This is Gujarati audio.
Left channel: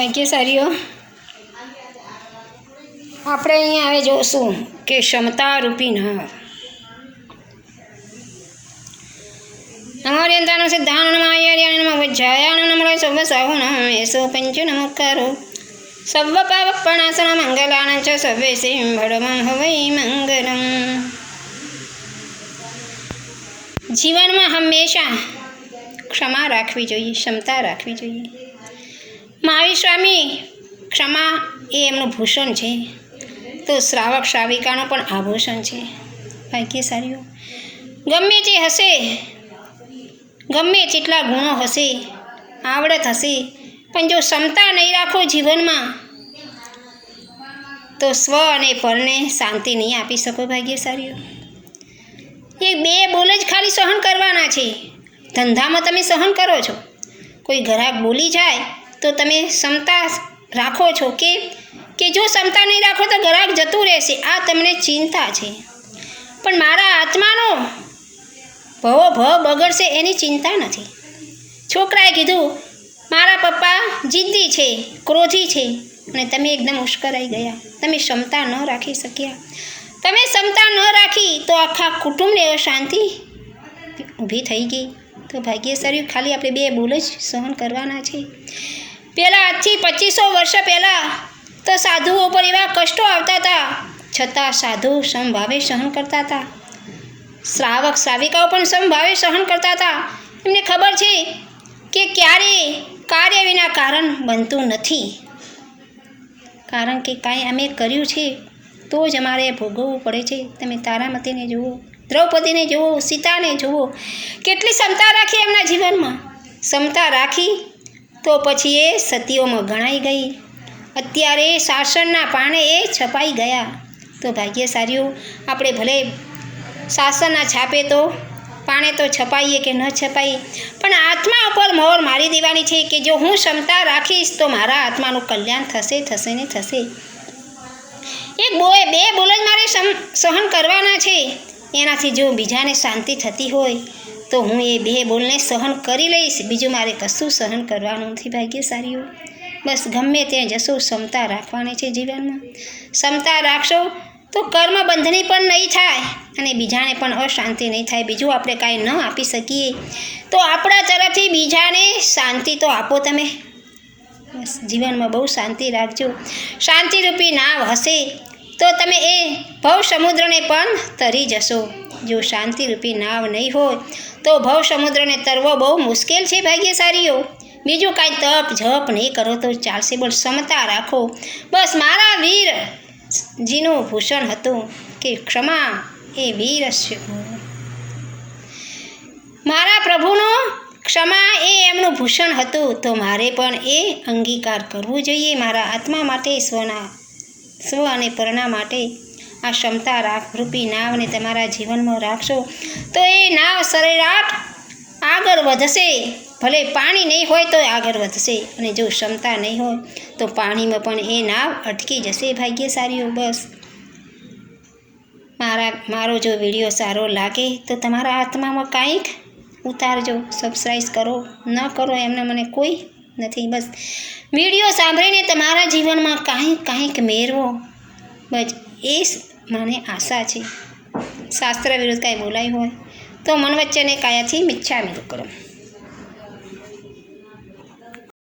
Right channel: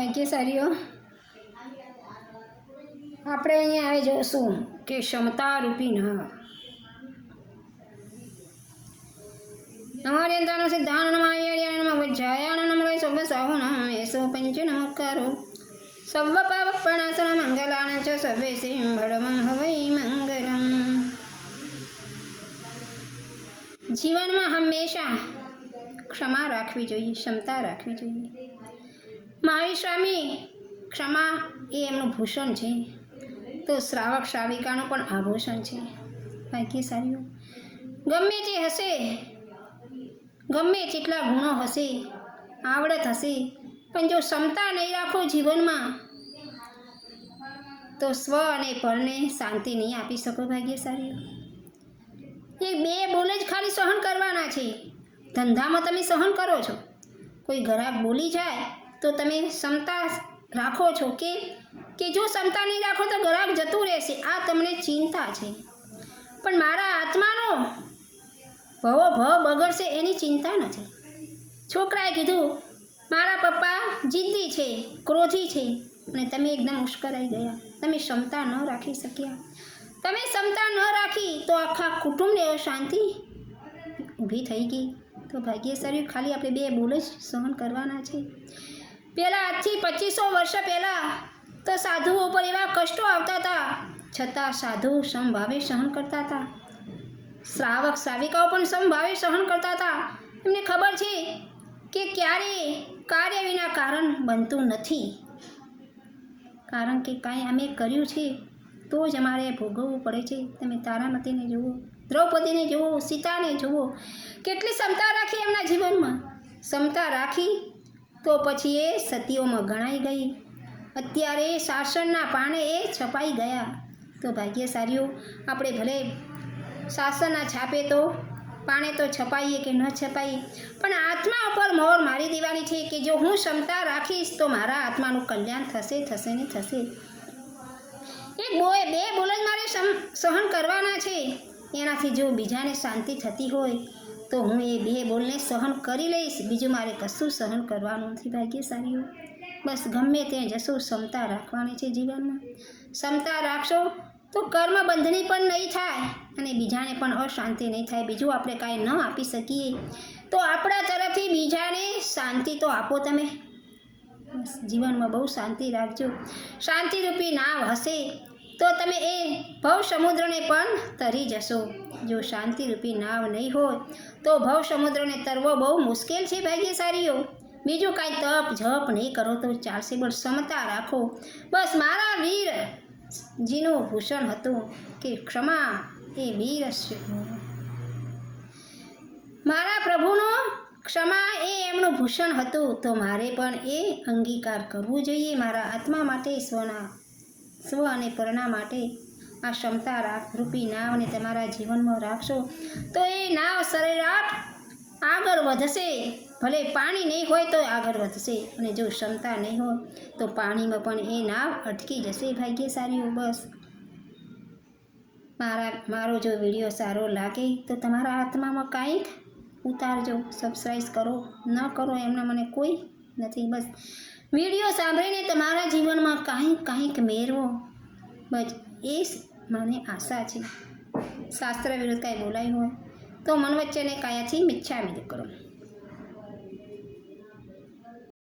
ભાગ્યશાળીઓ આપણે અહીંયા હવે જોશું કે ક્ષમતા રૂપી ન નમોર્યંતાનો સિદ્ધાન નમ આયાર્યાન નમ વજ્જાયાન નમ સર્વ સાહુ નમ એસો પંચ નમસ્કારો સર્વ પાવપણાસન મંગલાન ચ સર્વે સિંહ ભડમં હવૈ મંગલમ જીવનમાં હંમેશા ક્ષમા રાખવી જોઈએ ક્ષમતા રાખવી જોઈએ મહાવીર સ્વામી ક્ષમા એ એમનું ભૂષણ છે. તો શ્રાવક શ્રાવિકાનું પણ આભૂષણ છે. ભાગ્યશાળીઓ ગમે તે હશે, ગમે તેટલા ગુણો હશે, આવડત હશે, પણ જો ક્ષમતા નહીં રાખો જીવનમાં, તો સ્વ અને પરને શાંતિ નહીં આપી શકો ભાગ્યશાળીઓ એ બે બોલ જ ખાલી સહન કરવાના છે. ધંધામાં તમે સહન કરો છો. કોઈ ગ્રાહક બોલી જાય તો તમે ક્ષમતા રાખો છો કે કે જો ક્ષમતા નહીં રાખો તો ગ્રાહક જતું રહેશે. આ તમને ચિંતા છે. પણ મારા આત્માનો ભવો ભવ બગડશે એની ચિંતા નથી. છોકરાએ કીધું, મારા પપ્પા જિદ્દી છે, ક્રોધી છે. અને તમે એકદમ ઉશ્કરાઈ ગયા. તમે ક્ષમતા ન રાખી શક્યા. તમે ક્ષમતા ન રાખી તો આખા કુટુંબને અશાંતિ ઊભી થઈ ગઈ. તો ભાગ્યશાળી ખાલી આપણે બે બોલ જ સહન કરવાના છે. પહેલાં આજથી પચીસો વર્ષ પહેલાં તો સાધુઓ પર એવા કષ્ટો આવતા હતા. છતાં સાધુ સમભાવે સહન કરતા હતા. શ્રાવક શ્રાવિકાઓ પણ સમભાવે સહન કરતા હતા. એમને ખબર છે કે ક્યારે કાર્ય વિના કારણ બનતું નથી. કારણ કે કાંઈ અમે કર્યું છે, તો જ અમારે ભોગવવું પડે છે. તમે તારામતીને જુઓ, દ્રૌપદીને જુઓ, સીતાને જુઓ. કેટલી ક્ષમતા રાખી એમના જીવનમાં. ક્ષમતા રાખી તો પછી એ સતીઓમાં ગણાઈ ગઈ. અત્યારે શાસનના પાણે એ છપાઈ ગયા. તો ભાગ્યશાળીઓ, આપણે ભલે શાસનના છાપે તો, પાણે તો છપાઈએ કે ન છપાઈએ, પણ આત્મા ઉપર મોર મારી દેવાની છે કે જો હું ક્ષમતા રાખીશ તો મારા આત્માનું કલ્યાણ થશે થશે ને થશે. એક બોય બે બોલ જ મારે સહન કરવાના છે. એનાથી જો બીજાને શાંતિ થતી હોય તો હું એ બે બોલને સહન કરી લઈશ. બીજું મારે કશું સહન કરવાનું નથી ભાગ્યશાળીઓ. બસ ગમે ત્યાં જશો, ક્ષમતા રાખવાની છે જીવનમાં. ક્ષમતા રાખશો તો કર્મ બંધની પણ નહીં થાય અને બીજાને પણ અશાંતિ નહીં થાય. બીજું આપણે કાંઈ ન આપી શકીએ. તો આપણા તરફથી બીજાને શાંતિ તો આપો તમે. બસ જીવનમાં બહુ શાંતિ રાખજો. શાંતિરૂપી નાવ હશે તો તમે એ ભવ સમુદ્રને પણ તરી જશો. જો શાંતિરૂપી નાવ નહીં હોય, તો ભવ સમુદ્રને તરવો બહુ મુશ્કેલ છે ભાગ્યશાળીઓ. બીજું કાંઈ તપ જપ નહીં કરો તો ચાલશે બોલ ક્ષમતા રાખો. બસ મારા વીર જીનું ભૂષણ હતું કે ક્ષમા એ વીર મારા પ્રભુનો ક્ષમા એ એમનું ભૂષણ હતું, તો મારે પણ એ અંગીકાર કરવું જોઈએ. મારા આત્મા માટે, સ્વના, સ્વ અને પરણા માટે આ ક્ષમતા રાખ, રૂપી નાવને તમારા જીવનમાં રાખશો, તો એ નાવ સરેરાટ આગળ વધશે. ભલે પાણી નહીં હોય તો આગળ વધશે. અને જો ક્ષમતા નહીં હોય, તો પાણીમાં પણ એ નાવ અટકી જશે, ભાગ્યશાળીઓ, બસ. મારા, મારો જો વીડિયો સારો લાગે, તો તમારા આત્મામાં કાંઈક ઉતારજો સબસ્ક્રાઈબ કરો. ન કરો એમને મને કોઈ નથી, બસ. વીડિયો સાંભળીને તમારા જીવનમાં કાંઈક કાંઈક મેળવો. બસ, એ મને આશા છે. શાસ્ત્ર વિરુદ્ધ કાંઈ બોલાયું હોય તો મન વચ્ચેને કાયાથી મિચ્છામી કરો.